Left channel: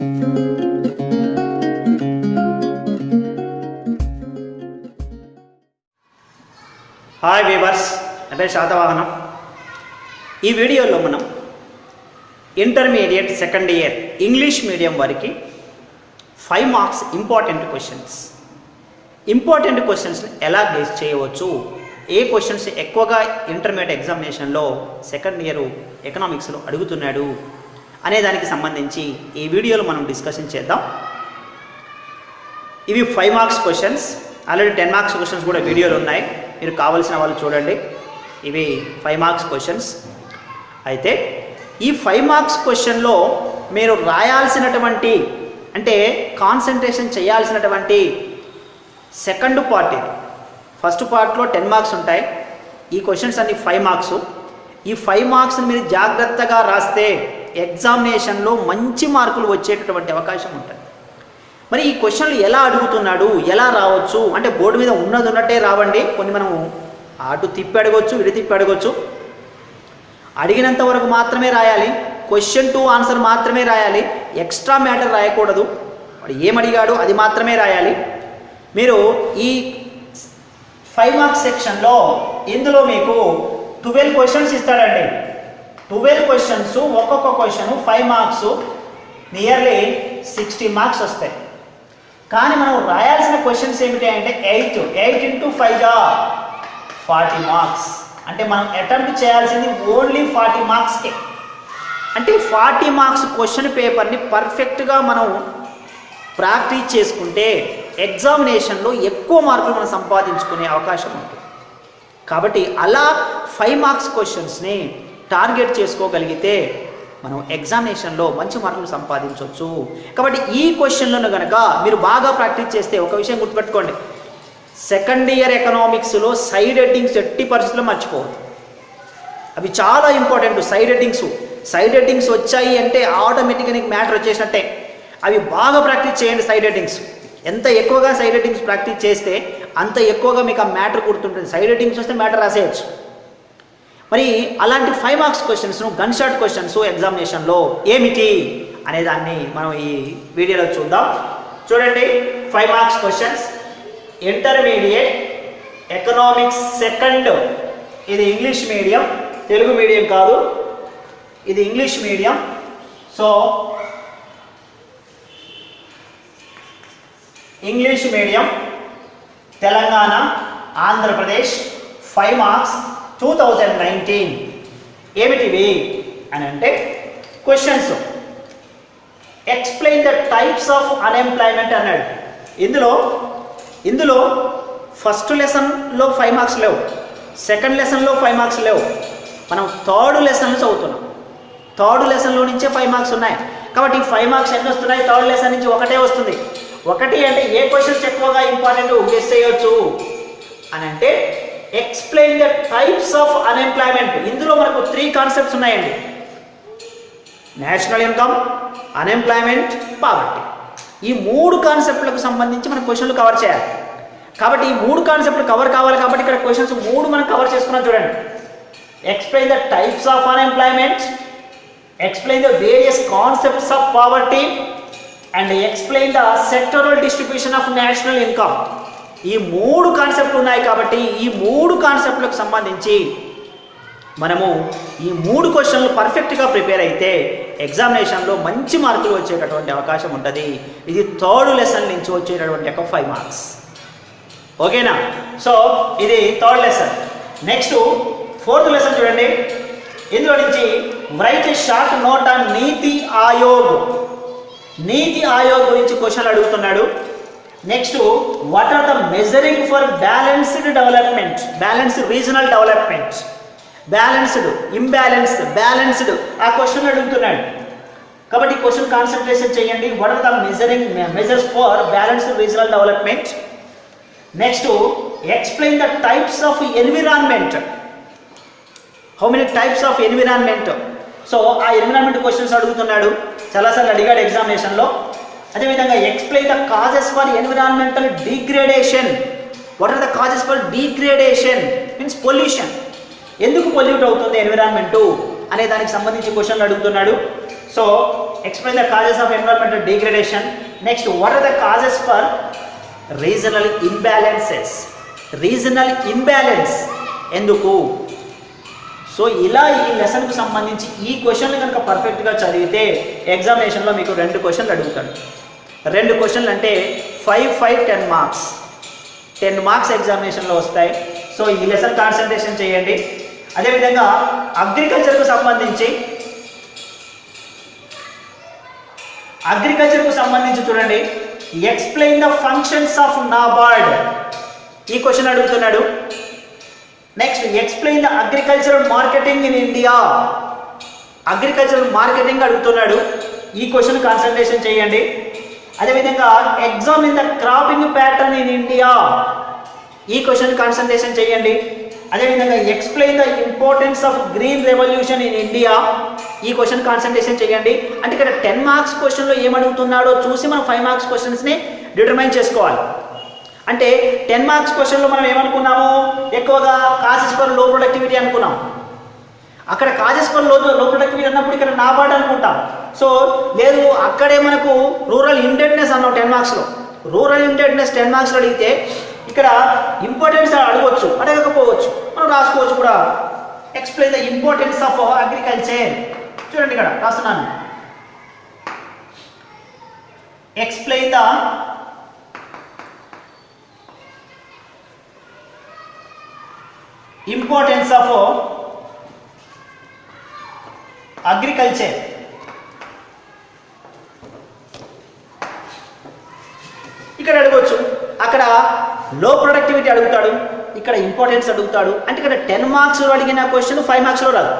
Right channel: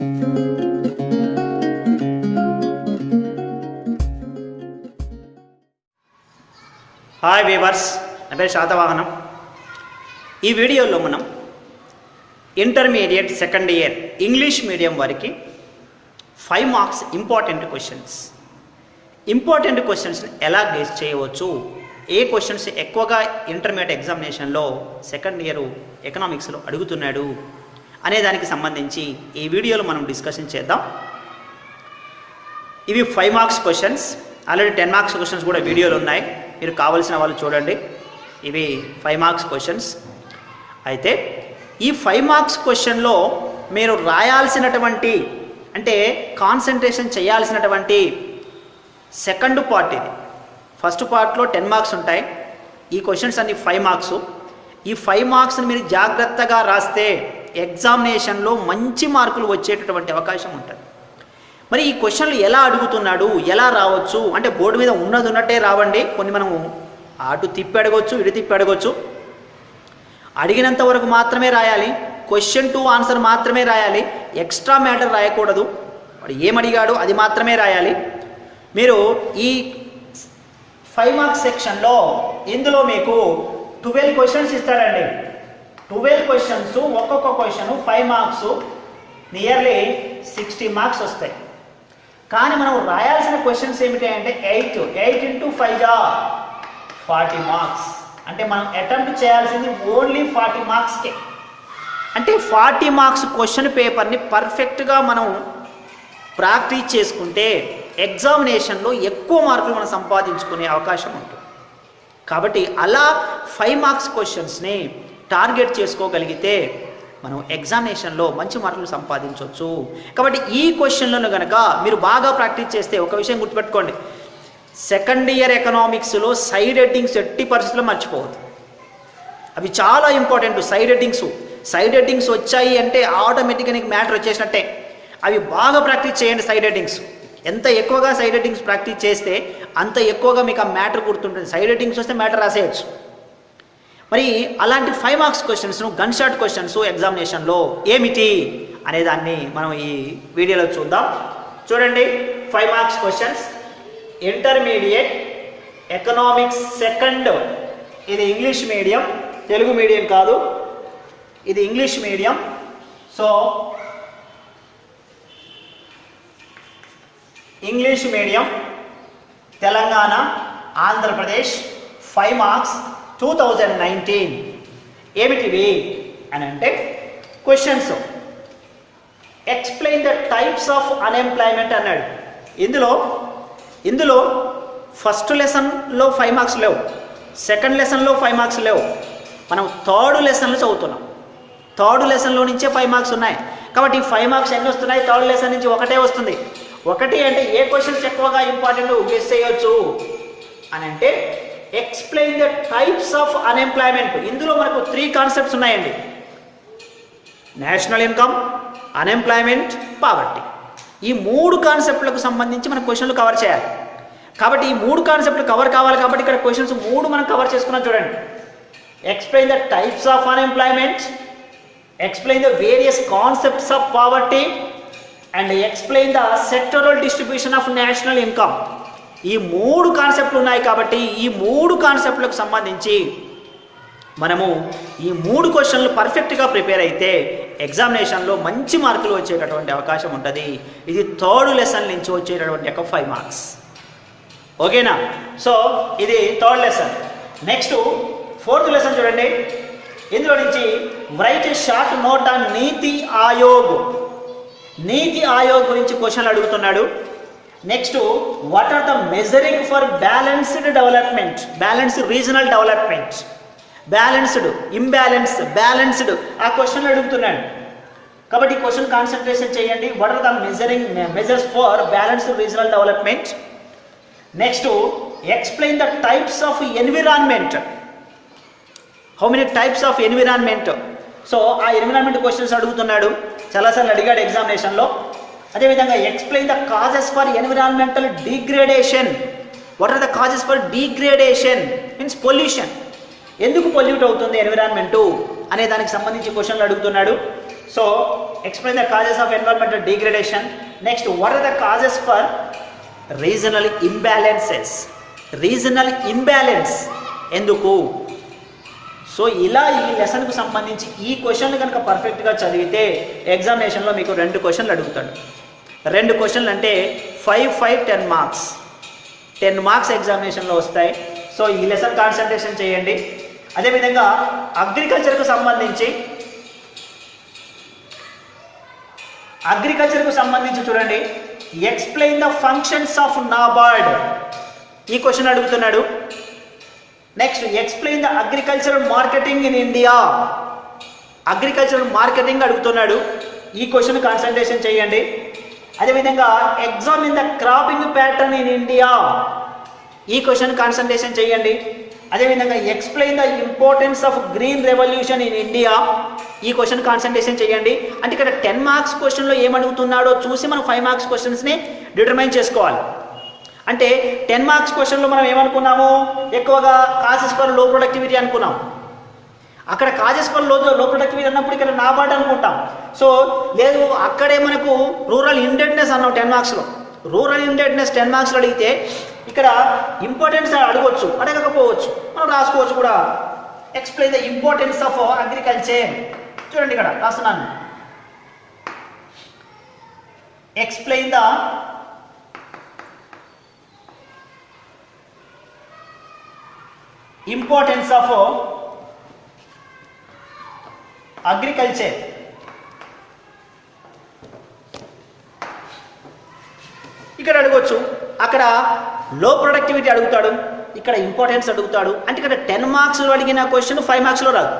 Hi weavers అంటే శాతవాహనం. ఈ వీడియోలో మనం intermediate second year English medium వారికి five marks important questions important క్వశ్చన్స్ని ఎలా గేస్ చేయవచ్చు? ఏ క్వశ్చన్స్ ఎక్కువగా ఇంటర్మీడియట్ ఎగ్జామినేషన్లో సెకండ్ ఇయర్ ఎకనామిక్స్లో అడుగుతున్నాడు? అనే దానికి సంబంధించి ఈ వీడియోలో మనం డిస్కషన్ చేద్దాం. ఇవి five marks questions already ten marks questions కూడా వీడియోలు ఉన్నాయి. మీరు కావాల్సిన వాళ్ళు చూడండి. ఇవి ఫైవ్ మార్క్స్ క్వశ్చన్స్ అయితే ఈ ఫైవ్ మార్క్స్ క్వశ్చన్లో మీరు రాయాల్సినటువంటి అంటే కాన్సన్ట్రేషన్ చేయాల్సినటువంటి సెకండ్ పార్ట్ ఇది. ఫస్ట్ పార్ట్లో టెన్ మార్క్స్ ఉంటాయి. ఈ క్వశ్చన్స్ అన్ని ఫైవ్ మార్క్స్ ఈ ఫైవ్ మార్క్స్ని మీరు జాగ్రత్తగా రాస్తే ఎగ్జామినేషన్లో మంచి మార్కులు వచ్చేటటువంటి అవకాశం ఉంటుంది. మరి ఈ క్వశ్చన్లు ఎలా అడుగుతున్నాడు? ఎలా రావచ్చు? అంటే బోర్డు మీద ఉన్నది ఉన్నట్టే రావండి. కొన్ని మనం అటు తిప్పి అడగవచ్చు ఇటు తిప్పి అడగవచ్చు అడిగినంత వరకు మాత్రమే రాయాలి. క్వశ్చన్ టు ఆన్సర్ మాత్రమే రాయాలి. ఎక్స్ట్రా మ్యాటర్ రాయకూడదు. వాడు ఏమడిగాడు అది మాత్రమే రాయాలి. మీరు ఈ ఫైవ్ మార్క్స్ సెక్షన్లో ఇందులో మీకు ట్వెల్వ్ క్వశ్చన్స్ ఇస్తాడండి. ట్వెల్వ్ క్వశ్చన్స్ ఒక్కొక్క question five marks nearly sixty marks వస్తాయి. కానీ మనం రాయాల్సిన క్వశ్చన్స్ ఏమిటి అంటే ఎయిట్ ఎయిట్ ఇంటూ ఫైవ్గా ఫార్టీ మార్క్స్ అంటే మనం అటెంప్ట్ చేయాల్సింది ఓన్లీ ఫార్టీ మార్క్స్కే అంటే ఫార్టీ మార్క్స్ క్వశ్చన్ పేపర్ని పర్ఫెక్ట్గా మనం ప్రాక్టీస్ చేసుకుంటే ఎగ్జామినేషన్లో ఎక్కువ మార్కులు మనం సంపాదించుకునే అవకాశం ఉంటుంది. కాబట్టి అలా ఫైవ్ మార్క్స్ క్వశ్చన్స్ని టార్గెట్ చేసుకోగలిగితే మనం ఎగ్జామినేషన్లో మంచి మార్కులు సంపాదించవచ్చు కాబట్టి ఈ క్వశ్చన్లను కనుక మీరు బాగా ప్రాక్టీస్ చేస్తే ఒక విషయం గుర్తుపెట్టుకోండి. సెకండ్ ఇయర్ ఎకనామిక్స్లో సైడ్ హెడ్డింగ్స్ ఎట్టి పరిస్థితుల్లో మర్చిపోవద్దు. అవి చాలా important side headings. Side headings వచ్చాయి అంటే ఆటోమేటిక్గా నీకు మ్యాటర్ వచ్చేసినట్టే. అవి బాగా ప్రాక్టీస్ చేయండి సైడ్ హెడ్డింగ్స్. ఎంత ఎక్కువగా సైడ్ హెడ్డింగ్స్ ప్రాక్టీస్ చేస్తే అంత ఎక్కువగా మీకు ఆ మ్యాటర్ గుర్తుంటుంది. సైడ్ హెడ్డింగ్స్ వస్తే మ్యాటర్ రాసేయచ్చు. మరి అలాంటి ఫైవ్ మార్క్స్ క్వశ్చన్స్ను గన్ షాట్ క్వశ్చన్స్ ఎగ్జామినేషన్లో ఏమిటి అనే దాన్ని మనం ఈ వీడియోలో చూద్దాం. చూడండి five marks questions intermediate economics second ఇది ఇంగ్లీష్ మీడియం తెలుగు మీడియం కాదు. ఇది English medium so English medium Telangana Andhra Pradesh five marks two thousand nineteen ఏమిటివి? అని అంటే questions explain the types of unemployment అన్నాడు. ఇందులో ఇందులో ఫస్ట్ లెసన్లో ఫైవ్ మార్క్స్ లేవు. సెకండ్ లెసన్లో ఫైవ్ మార్క్స్ లేవు. మనం థర్డ్ లెసన్లో చదువుతున్నాం. థర్డ్ లెసన్లో నుంచే ఫైవ్ మార్క్స్ ఉన్నాయి. కాబట్టి ఈ ఫైవ్ మార్క్స్ ఎన్ని వస్తున్నాయి? థర్డ్ లెసన్ నుంచి ఒకటే వస్తుంది. ఒకటి అంటే ఏ క్వశ్చన్స్ ఎక్కువగా ఇంపార్టెంట్ గెస్ చేయొచ్చు అని అంటే explain the types of unemployment ఇందులో మనకు త్రీ కాన్సెప్ట్స్ ఉన్నాయండి. నేషనల్ ఇన్కమ్ అన్ఎంప్లాయ్మెంట్ పావర్టీ ఈ మూడు కాన్సెప్ట్లకు సంబంధించి మన క్వశ్చన్లు కవర్ చేయాలి. కాబట్టి ఈ మూడు కాన్సెప్ట్లు కవర్ కావాలి కాబట్టి ఇక్కడ క్వశ్చన్స్ మూడు మనం కవర్ చేసుకున్నాం చూడండి. Explain the types of unemployment explain the various concepts of poverty and explain the sectoral distribution of national income ఈ మూడు కాన్సెప్ట్లు ఉన్నాయి కాబట్టి ఈ మూడు కాన్సెప్ట్లకు సంబంధించి మనము ఈ మూడు క్వశ్చన్లు పర్ఫెక్ట్గా ప్రిపేర్ అయితే ఎగ్జామినేషన్లో మంచి మార్కులు వచ్చేటటువంటి అవకాశం ఉంటుంది. ఇది థర్డ్ లెసన్ నుంచి వచ్చేటటువంటి ఒక ఫైవ్ మార్క్స్ ఓకేనా? సో ఇది third lesson next fourth lesson చూడండి. ఇందులో నుంచి రైట్ షార్ట్ నోట్ ఆన్ నీతి ఆయోగ్. నీతి ఆయోగ్ గురించి క్వశ్చన్లు అడుగుతున్నాడు. Next what are the measuring for balanced development balanced regional development balanced imbalanced balanced ఆ క్వశ్చన్ అడుగుతున్నాడు కాబట్టి క్వశ్చన్ కాన్సన్ట్రేషన్ చేయండి. What are the measuring measures for balanced regional development next explain the types of environment how many types of environment so ఆ environment questions అడుగుతున్నాడు. చాలాసార్లు అడిగాడు ఎగ్జామినేషన్లో అదేవిధంగా explain the causes for environmental degradation what are the causes for degradation means pollution ఎందుకు pollute అవుతుంది environment అనే దానికి సంబంధించి క్వశ్చన్లు అడుగుతున్నాడు. So explain the causes of environmental degradation next what are the causes for regional imbalances regional imbalance ఎందుకు? So ఇలా ఈ లెసన్కు సంబంధించి ఈ క్వశ్చన్లు కనుక పర్ఫెక్ట్గా చదివితే ఎగ్జామినేషన్లో మీకు రెండు క్వశ్చన్లు అడుగుతాడు. రెండు క్వశ్చన్లు అంటే five five ten marks ten marks ఎగ్జామినేషన్లో వస్తాయి. సో ఈ లెసన్ కాన్సన్ట్రేషన్ చేయండి. అదేవిధంగా అగ్రికల్చర్కు సంబంధించి అగ్రికల్చర్కు సంబంధించి చూడండి. Explain the functions of NABARD ఈ క్వశ్చన్ అడుగుతున్నాడు. Next explain the agricultural marketing in India agricultural marketing అడుగుతున్నాడు. ఈ క్వశ్చన్ కాన్సన్ట్రేషన్ చేయండి. అదేవిధంగా exam in the cropping pattern in India ఈ క్వశ్చన్ కాన్సన్ట్రేషన్ చేయండి. అదేవిధంగా explain the importance of green revolution in India ఈ క్వశ్చన్ కాన్సన్ట్రేషన్ చేయండి. అంటే ఇక్కడ టెన్ మార్క్స్ క్వశ్చన్లో ఏమడుగుతున్నాడో చూసి మనం ఫైవ్ మార్క్స్ క్వశ్చన్స్ని డిటర్మైన్ చేసుకోవాలి. అంటే టెన్ మార్క్స్ క్వశ్చన్లో మనం ఏమనుకున్నాము? ఎక్కువగా కాసెస్ ఫర్లో ప్రొడక్టివిటీ అనుకున్నాం. అక్కడ కాజెస్ ఫర్లో లో ప్రొడక్టివిటీ అన్నప్పుడు ఇక్కడ నాబార్డ్ అనుకుంటాం. సో లేదు అక్కడే మనకు రూరల్ ఇండెడ్నెస్ అన్నాం టెన్ మార్క్స్లో రూరల్ ఇండెడ్నెస్ టెన్ మార్క్స్లో అడిగితే ఇక్కడ ఇంపార్టెన్స్ అడగవచ్చు అడగకపోవచ్చు. మనం రాసుకోవచ్చు కూడా. Explain the importance of agriculture చూడండి ఇక్కడ రాస్తున్నాను. Explain the importance of agriculture ఇక్కడ అడగొచ్చు. అక్కడ లో ప్రొడక్టివిటీ అడుగుతాడు ఇక్కడ ఇంపార్టెన్స్ అడుగుతాడు. అంటే ఇక్కడ టెన్ మార్క్స్లో అడిగిన క్వశ్చన్ ఫైవ్ మార్క్స్లో రాదు.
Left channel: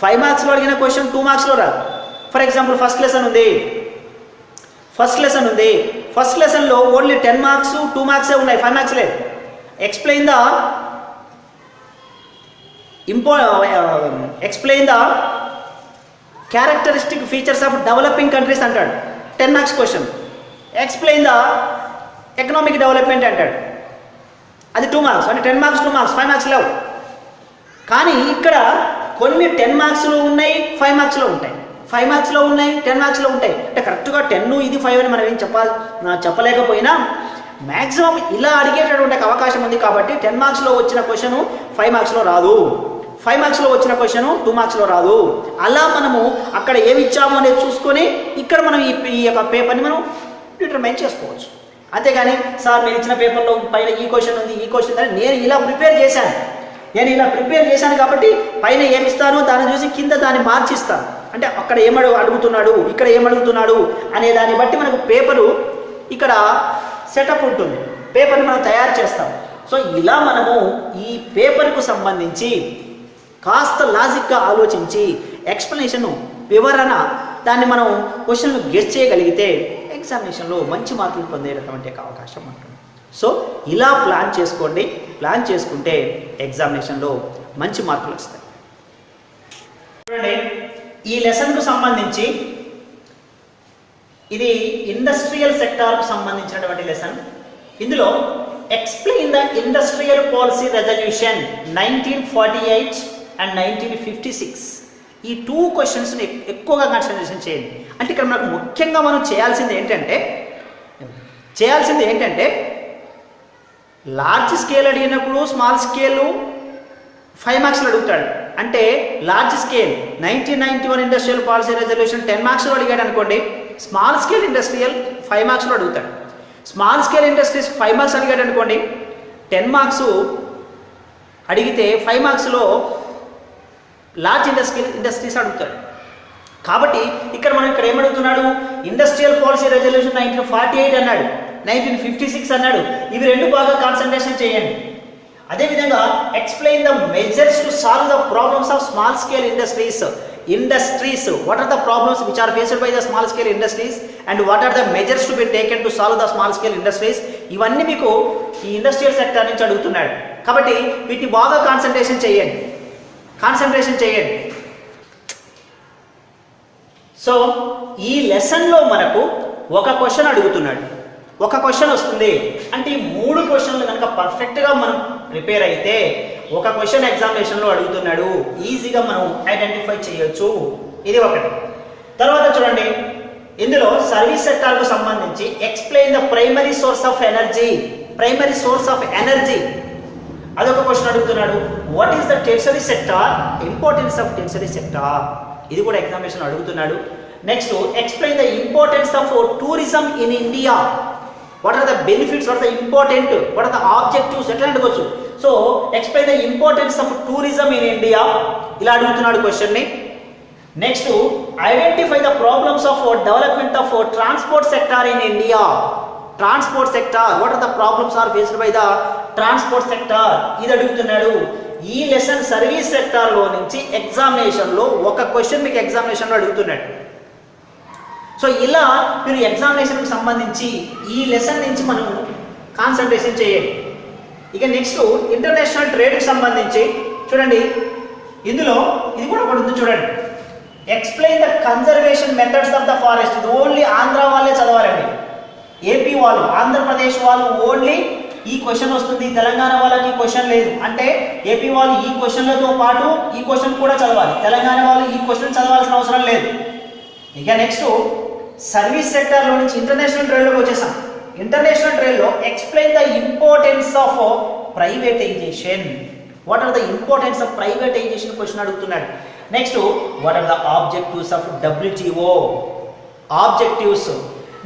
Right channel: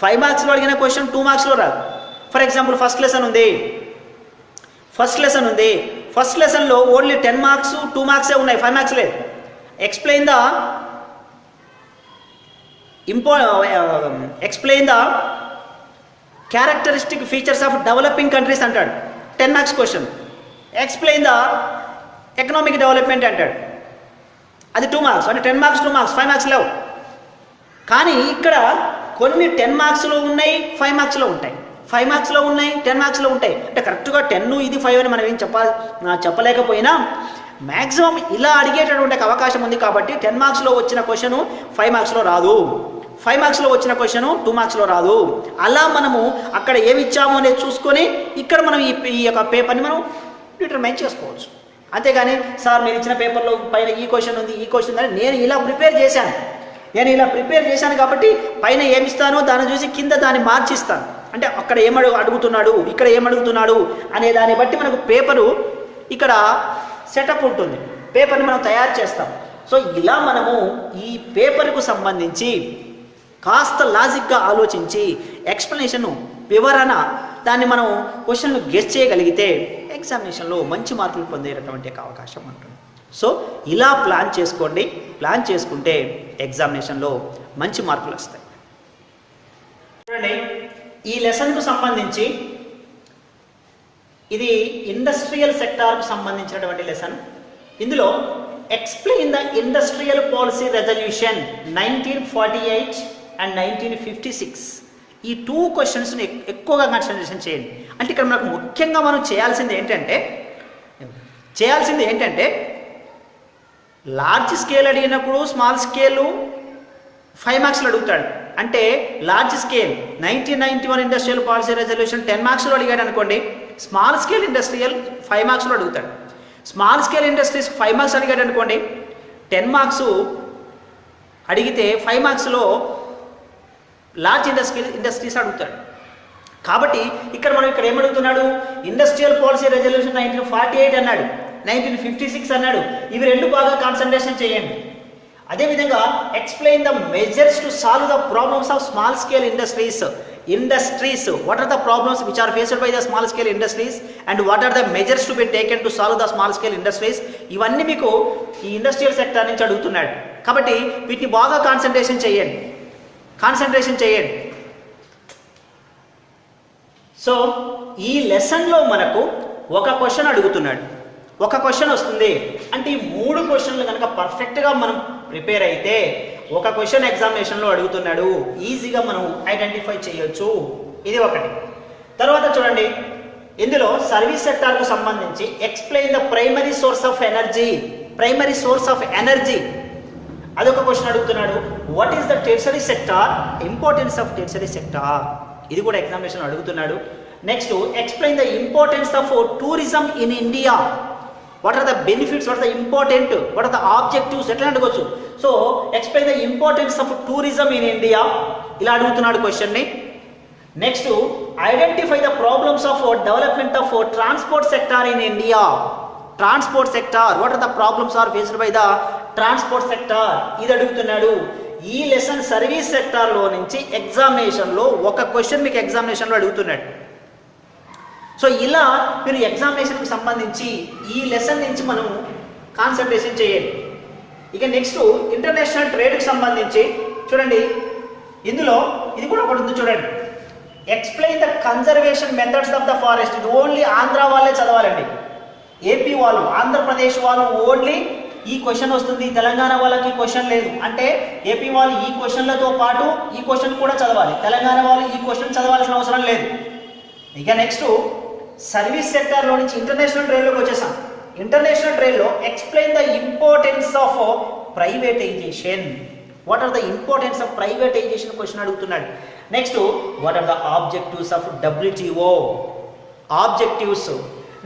ఫైవ్ మార్క్స్లో అడిగిన క్వశ్చన్ టూ మార్క్స్లో రాదు. ఫర్ ఎగ్జాంపుల్ ఫస్ట్ లెసన్ ఉంది. ఫస్ట్ లెసన్ ఉంది. ఫస్ట్ లెసన్లో ఓన్లీ టెన్ మార్క్స్ టూ మార్క్సే ఉన్నాయి. ఫైవ్ మార్క్స్ లేదు explain the impo explain the characteristic features of developing countries అంటాడు. Ten marks question explain the economic development అంటాడు. అది టూ మార్క్స్ అంటే ten marks two marks five marks లేవు. కానీ ఇక్కడ కొన్ని టెన్ మార్క్స్లో ఉన్నాయి ఫైవ్ మార్క్స్లో ఉంటాయి. ఫైవ్ మార్క్స్లో ఉన్నాయి టెన్ మార్క్స్లో ఉంటాయి. అంటే కరెక్ట్గా టెన్ ఇది ఫైవ్ అని మనం ఏం చెప్పాలి చెప్పలేకపోయినా మ్యాక్సిమం ఇలా అడిగేటటువంటి అవకాశం ఉంది కాబట్టి టెన్ మార్క్స్లో వచ్చిన క్వశ్చన్ ఫైవ్ మార్క్స్లో రాదు. ఫైవ్ మార్క్స్లో వచ్చిన క్వశ్చన్ టూ మార్క్స్లో రాదు. అలా మనము అక్కడ ఏమి ఇచ్చాము అనేది చూసుకొని ఇక్కడ మనం ఈ ఈ యొక్క పేపర్ని మనం డిటర్మైన్ చేసుకోవచ్చు. అంతేగాని సార్ మీరు ఇచ్చిన పేపర్లో పైన ఈ క్వశ్చన్ ఉంది ఈ క్వశ్చన్ ఉంది నేను ఇలా ప్రిపేర్ చేశాను. నేను ఇలా ప్రిపేర్ చేశాను కాబట్టి పైన ఏమిస్తానో దాన్ని చూసి కింద దాన్ని మార్చిస్తాను అంటే అక్కడ ఏమడు అడుగుతున్నాడు ఇక్కడ ఏమడుగుతున్నాడు అనే దాన్ని బట్టి మనకు పేపరు ఇక్కడ సెటప్ ఉంటుంది. పేపర్ని మనం తయారు చేస్తాం. సో ఇలా మనము ఈ పేపర్కు సంబంధించి కాస్త లాజిక్గా ఆలోచించి ఎక్స్ప్లెనేషన్ వివరణ దాన్ని మనం క్వశ్చన్ గెస్ట్ చేయగలిగితే ఎగ్జామినేషన్లో మంచి మార్కులు పొందేటటువంటి అవకాశం ఉంటుంది. సో ఇలా ప్లాన్ చేసుకోండి. ప్లాన్ చేసుకుంటే ఎగ్జామినేషన్లో మంచి మార్కులు వస్తాయి. చూడండి ఈ లెసన్కు సంబంధించి ఇది ఇండస్ట్రియల్ సెక్టార్కు సంబంధించినటువంటి లెసన్. ఇందులో explain the industrial policy resolution nineteen forty eight and nineteen fifty six ఈ టూ క్వశ్చన్స్ని ఎక్కువగా కాన్సన్ట్రేషన్ చేయండి. అంటే ఇక్కడ మనకు ముఖ్యంగా మనం చేయాల్సింది ఏంటంటే చేయాల్సింది ఏంటంటే లార్జ్ స్కేల్ అడిగినప్పుడు స్మాల్ స్కేలు ఫైవ్ మార్క్స్లో అడుగుతాడు. అంటే large scale nineteen ninety one industrial policy reservation ten మార్క్స్లో అడిగాడు అనుకోండి స్మాల్ స్కేల్ ఇండస్ట్రియల్ ఫైవ్ మార్క్స్లో అడుగుతాడు. Small scale industries five marks అడిగాడు అనుకోండి టెన్ మార్క్స్ అడిగితే ఫైవ్ మార్క్స్లో లార్జ్ ఇండస్ట్రీ ఇండస్ట్రీస్ అడుగుతాడు కాబట్టి ఇక్కడ మనం ఇక్కడ ఏమడుగుతున్నాడు? Industrial policy resolution nineteen forty eight అన్నాడు. నైన్టీన్ ఫిఫ్టీ సిక్స్ అన్నాడు. ఇవి రెండు బాగా కాన్సన్ట్రేషన్ చేయండి. అదేవిధంగా explain the measures to solve the problems of small scale industries industries what are the problems which are faced by the small scale industries and what are the measures to be taken to solve the small scale industries ఇవన్నీ మీకు ఈ industrial sector నుంచి అడుగుతున్నాడు. కాబట్టి వీటిని బాగా concentration చేయండి. Concentration చేయండి. సో ఈ లెసన్లో మనకు ఒక క్వశ్చన్ అడుగుతున్నాడు. ఒక క్వశ్చన్ వస్తుంది. అంటే ఈ మూడు క్వశ్చన్లు కనుక పర్ఫెక్ట్గా మనం ప్రిపేర్ అయితే ఒక క్వశ్చన్ ఎగ్జామినేషన్లో అడుగుతున్నాడు. ఈజీగా మనం ఐడెంటిఫై చేయొచ్చు. ఇది ఒకటి. తర్వాత చూడండి. ఇందులో సర్వీస్ సెక్టార్కు సంబంధించి explain the primary source of energy primary source of energy అదొక క్వశ్చన్ అడుగుతున్నాడు. What is the tertiary sector importance of tertiary sector ఇది కూడా ఎగ్జామినేషన్ అడుగుతున్నాడు. Next explain the importance of tourism in India what are the benefits what are the important what are the objectives ఎట్లా అడగవచ్చు so explain the importance of tourism in India ఇలా అడుగుతున్నాడు క్వశ్చన్ని next identify the problems of development of transport sector in India transport sector what are the problems are faced by the transport sector? ఇది అడుగుతున్నాడు. ఈ lesson service సెక్టార్లో నుంచి ఎగ్జామినేషన్లో ఒక క్వశ్చన్ మీకు ఎగ్జామినేషన్లో అడుగుతున్నాడు. సో ఇలా మీరు ఎగ్జామినేషన్కి సంబంధించి ఈ లెసన్ నుంచి మనం కాన్సన్ట్రేషన్ చేయండి. ఇక నెక్స్ట్ ఇంటర్నేషనల్ ట్రేడ్కి సంబంధించి చూడండి. ఇందులో ఇది కూడా ఒకటి ఉంది చూడండి. Explain the conservation methods of the forest ఇది ఓన్లీ ఆంధ్ర వాళ్ళే చదవాలండి. ఏపీ వాళ్ళు ఆంధ్రప్రదేశ్ వాళ్ళు ఓన్లీ ఈ క్వశ్చన్ వస్తుంది. తెలంగాణ వాళ్ళకి ఈ క్వశ్చన్ లేదు. అంటే ఏపీ వాళ్ళు ఈ క్వశ్చన్లతో పాటు ఈ క్వశ్చన్ కూడా చదవాలి. తెలంగాణ వాళ్ళు ఈ క్వశ్చన్ చదవాల్సిన అవసరం లేదు. ఇక నెక్స్ట్ సర్వీస్ సెక్టర్లో నుంచి ఇంటర్నేషనల్ ట్రేడ్లోకి వచ్చేసాం. International ట్రైల్లో explain the importance of privatisation what are the importance of privatisation question అడుగుతున్నాడు. Next what are the objectives of WTO objectives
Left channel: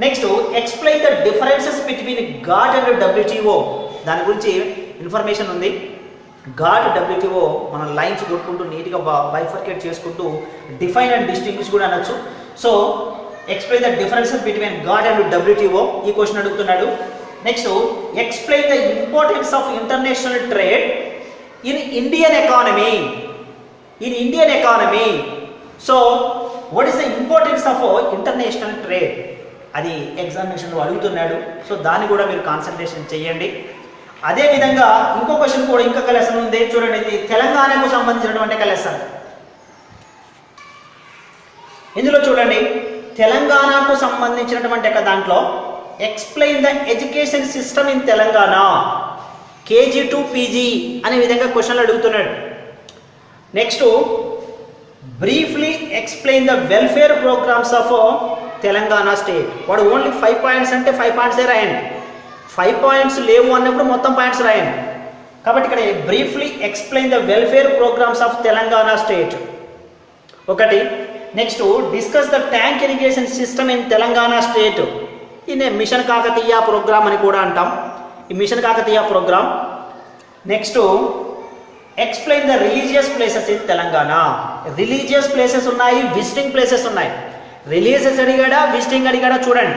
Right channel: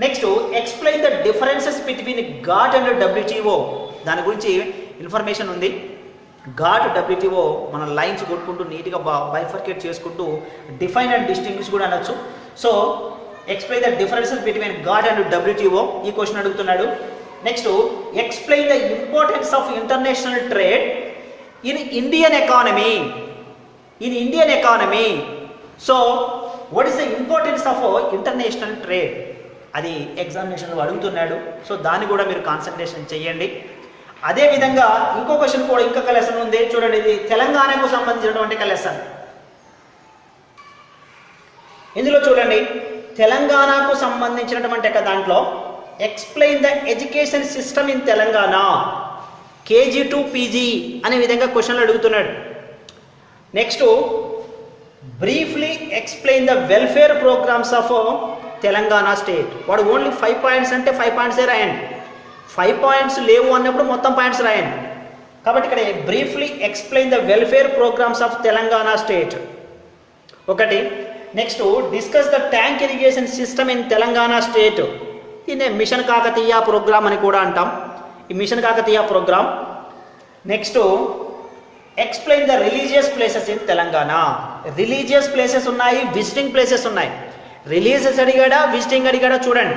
next explain the differences between GATT and WTO దాని గురించి information ఉంది. Got WTO మనం lines కొట్టుకుంటూ నీట్గా bifurcate చేసుకుంటూ define and distinguish కూడా అనొచ్చు. So explain the differences between GATT and WTO ఈ క్వశ్చన్ అడుగుతున్నాడు. Next explain the importance of international trade in Indian economy in Indian economy so what is the importance of international trade అది ఎగ్జామినేషన్లో అడుగుతున్నాడు. So దాన్ని కూడా మీరు concentration చేయండి. అదేవిధంగా ఇంకో క్వశ్చన్ కూడా ఇంకొక లెసన్ ఉంది. చూడండి ఇది తెలంగాణకు సంబంధించినటువంటి ఒక లెసన్ ఇందులో చూడండి తెలంగాణకు సంబంధించినటువంటి ఒక దాంట్లో explain the education system in Telangana. KG to PG అనే విధంగా క్వశ్చన్లు అడుగుతున్నాడు. Next briefly explain the welfare programmes of Telangana state వాడు ఓన్లీ ఫైవ్ పాయింట్స్ అంటే ఫైవ్ పాయింట్సే రాయండి ఫైవ్ పాయింట్స్ లేవు అన్నప్పుడు మొత్తం పాయింట్స్ రాయండి కాబట్టి ఇక్కడ briefly explain the welfare programmes of Telangana state ఒకటి next discuss the tank irrigation system in Telangana state దీన్ని మిషన్ కాకతీయ ప్రోగ్రామ్ అని కూడా అంటాం. ఈ mission Kakatiya programme next explain the religious places in Telangana. Religious places ఉన్నాయి visiting places ఉన్నాయి. Religious అడిగాడా visiting అడిగాడా చూడండి.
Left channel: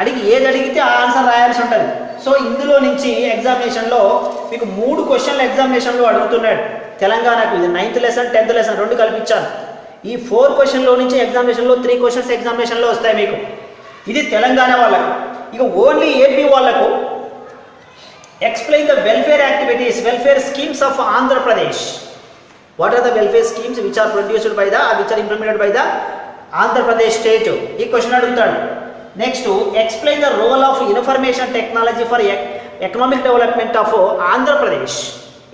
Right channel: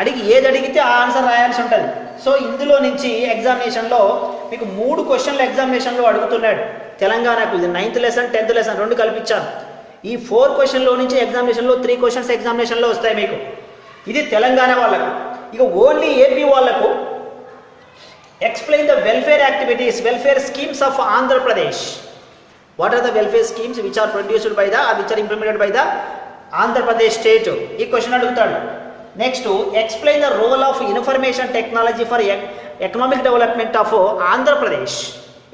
అడిగి ఏది అడిగితే ఆ ఆన్సర్ రాయాల్సి ఉంటుంది. సో ఇందులో నుంచి ఎగ్జామినేషన్లో మీకు మూడు క్వశ్చన్లు ఎగ్జామినేషన్లో అడుగుతున్నాడు. తెలంగాణకు ఇది నైన్త్ లెసన్ టెన్త్ లెసన్ రెండు కల్పించాను ఈ ఫోర్ క్వశ్చన్లో నుంచి ఎగ్జామినేషన్లో త్రీ క్వశ్చన్స్ ఎగ్జామినేషన్లో వస్తాయి మీకు. ఇది తెలంగాణ వాళ్ళకు. ఇక ఓన్లీ ఏపీ వాళ్ళకు explain the welfare activities welfare schemes of Andhra Pradesh what are the welfare schemes which are produced by the which are implemented by the Andhra Pradesh state ఈ question అడుగుతాడు. Next explain the role of information technology for economic development of Andhra Pradesh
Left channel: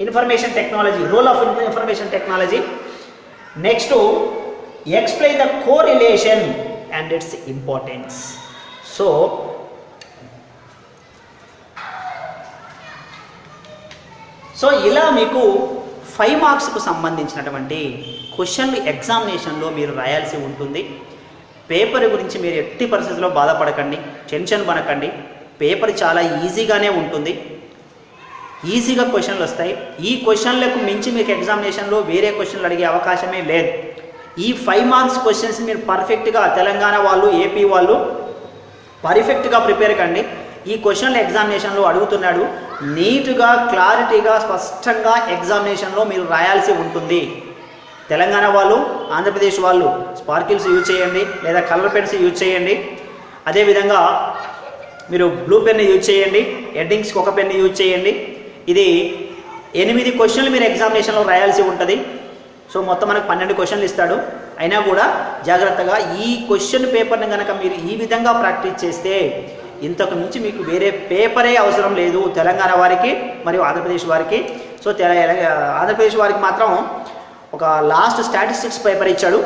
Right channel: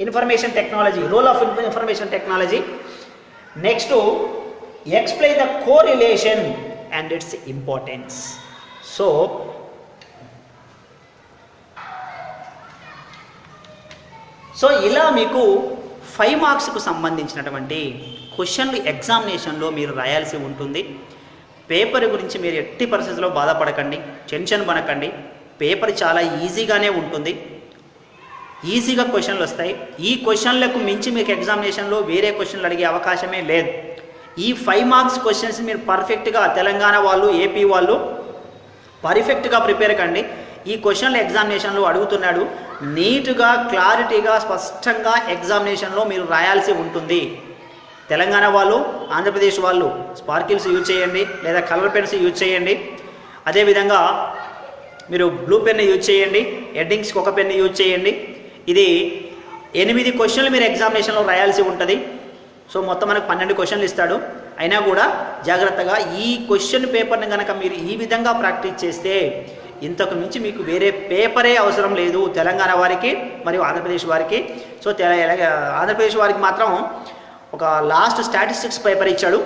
information technology role of information technology next explain the correlation and its importance so so ఇలా మీకు five మార్క్స్కు సంబంధించినటువంటి క్వశ్చన్లు ఎగ్జామినేషన్లో మీరు రాయాల్సి ఉంటుంది. పేపర్ గురించి మీరు ఎట్టి పరిస్థితుల్లో బాధపడకండి. టెన్షన్ పడకండి. పేపర్ చాలా ఈజీగానే ఉంటుంది. ఈజీగా క్వశ్చన్లు వస్తాయి. ఈ క్వశ్చన్లకు మించి మీకు ఎగ్జామినేషన్లో వేరే క్వశ్చన్లు అడిగే అవకాశమే లేదు. ఈ ఫైవ్ మార్క్స్ క్వశ్చన్స్ మీరు పర్ఫెక్ట్గా తెలంగాణ వాళ్ళు ఏపీ వాళ్ళు పర్ఫెక్ట్గా ప్రిపేర్ కండి. ఈ క్వశ్చన్లు ఎగ్జామినేషన్లో అడుగుతున్నాడు నీట్గా క్లారిటీగా స్పష్టంగా ఎగ్జామినేషన్లో మీరు రాయాల్సి ఉంటుంది. తెలంగాణ వాళ్ళు ఆంధ్రప్రదేశ్ వాళ్ళు స్పార్కిల్స్ యూజ్ చేయండి లేదా కలర్ పెన్స్ యూజ్ చేయండి. అదేవిధంగా మీరు బ్లూ పెన్ యూజ్ చేయండి హెడ్డింగ్స్కి ఒక పెన్ యూజ్ చేయండి. ఇది ఎనిమిది క్వశ్చన్లు మీరు ఎగ్జామినేషన్లో రాయాల్సి ఉంటుంది. సో మొత్తం మనకు పన్నెండు క్వశ్చన్లు ఇస్తాడు. అయినా కూడా జాగ్రత్తగా ఈ క్వశ్చన్ పేపర్ని కనుక మీరు ఈ విధంగా ప్రాక్టీస్ చేస్తే ఇంతకు మించి మీకు వేరే పేపరే అవసరం లేదు తెలంగాణ వారికి మరియు ఆంధ్రప్రదేశ్ వారికి. సో తెల ఆంధ్రప్రదేశ్ వారికి మాత్రం ఒక లాస్ట్ స్టాటిస్టిక్స్ పేపర్ ఇచ్చాడు.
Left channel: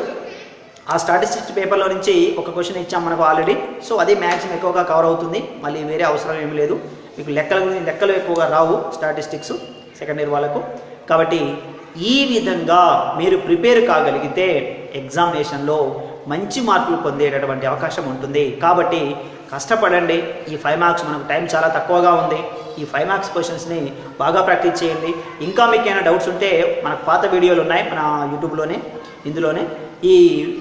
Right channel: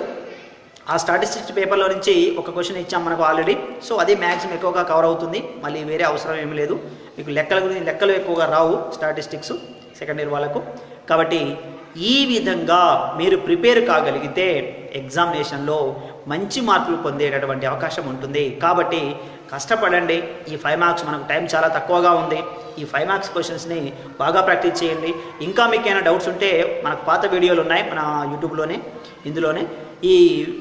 ఆ స్టాటిస్టిక్స్ పేపర్లో నుంచి ఒక క్వశ్చన్ ఇచ్చాం మనకు ఆల్రెడీ సో అది మ్యాక్సిమం ఎక్కువగా కవర్ అవుతుంది. మళ్ళీ వేరే అవసరం ఏమి లేదు. మీకు లెక్కల గురించి లెక్కలు ఎక్కువగా రావు స్టాటిస్టిక్స్ సెకండ్ ఇయర్ వాళ్ళకు. కాబట్టి ఈ విధంగా మీరు ప్రిపేర్ కాగలిగితే ఎగ్జామినేషన్లో మంచి మార్కులు పొందేటటువంటి అవకాశం ఉంటుంది. కాబట్టి కష్టపడండి. ఈ ఫైవ్ మార్క్స్ మనకు టైం చాలా తక్కువగా ఉంది. ఈ ఫైవ్ మార్క్స్ క్వశ్చన్స్ని బాగా ప్రాక్టీస్ చేయండి. ఇంకా మీకు ఏమైనా డౌట్స్ ఉంటే మనకు పాత వీడియోలు ఉన్నాయి. మన యూట్యూబ్లోనే ఇందులోనే. ఈ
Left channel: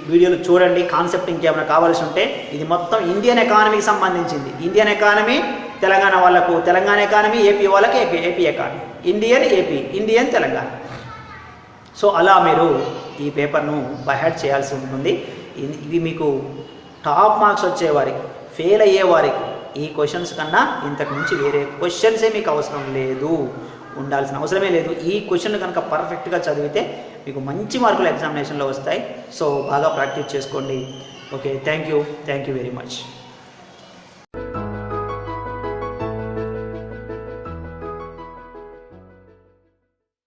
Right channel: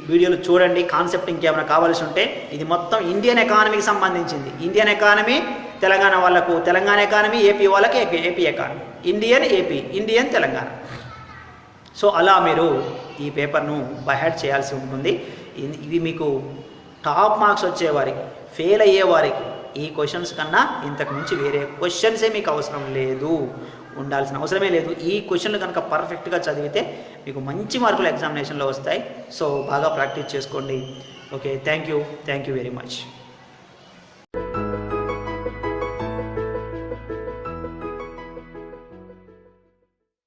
వీడియోలు చూడండి. కాన్సెప్ట్ ఇంకేమైనా కావాల్సి ఉంటే ఇది మొత్తం ఇండియన్ ఎకానమీకి సంబంధించింది. ఇండియన్ ఎకానమీ తెలంగాణ వాళ్ళకు తెలంగాణ ఎకానమీ ఏపీ వాళ్ళకి AP AP economy Indian AP Indian Telangana. So అలా మీరు ఈ పేపర్ను బైహాడ్ చేయాల్సి ఉంటుంది. ఇవి మీకు టాప్ మార్క్స్ వచ్చేవారికి ఫెయిల్ అయ్యేవారికి ఈ క్వశ్చన్స్ కన్నా ఇంతకు మించి వేరే క్వశ్చన్సే మీకు అవసరం లేదు. ఉండాల్సిన అవసరమే లేదు. ఈ క్వశ్చన్లు కనుక పర్ఫెక్ట్గా చదివితే మీకు మంచి మార్కులు ఎగ్జామినేషన్లో వస్తాయి. సో బాగా ప్రాక్టీస్ చేసుకోండి. Okay thank you thank you very much.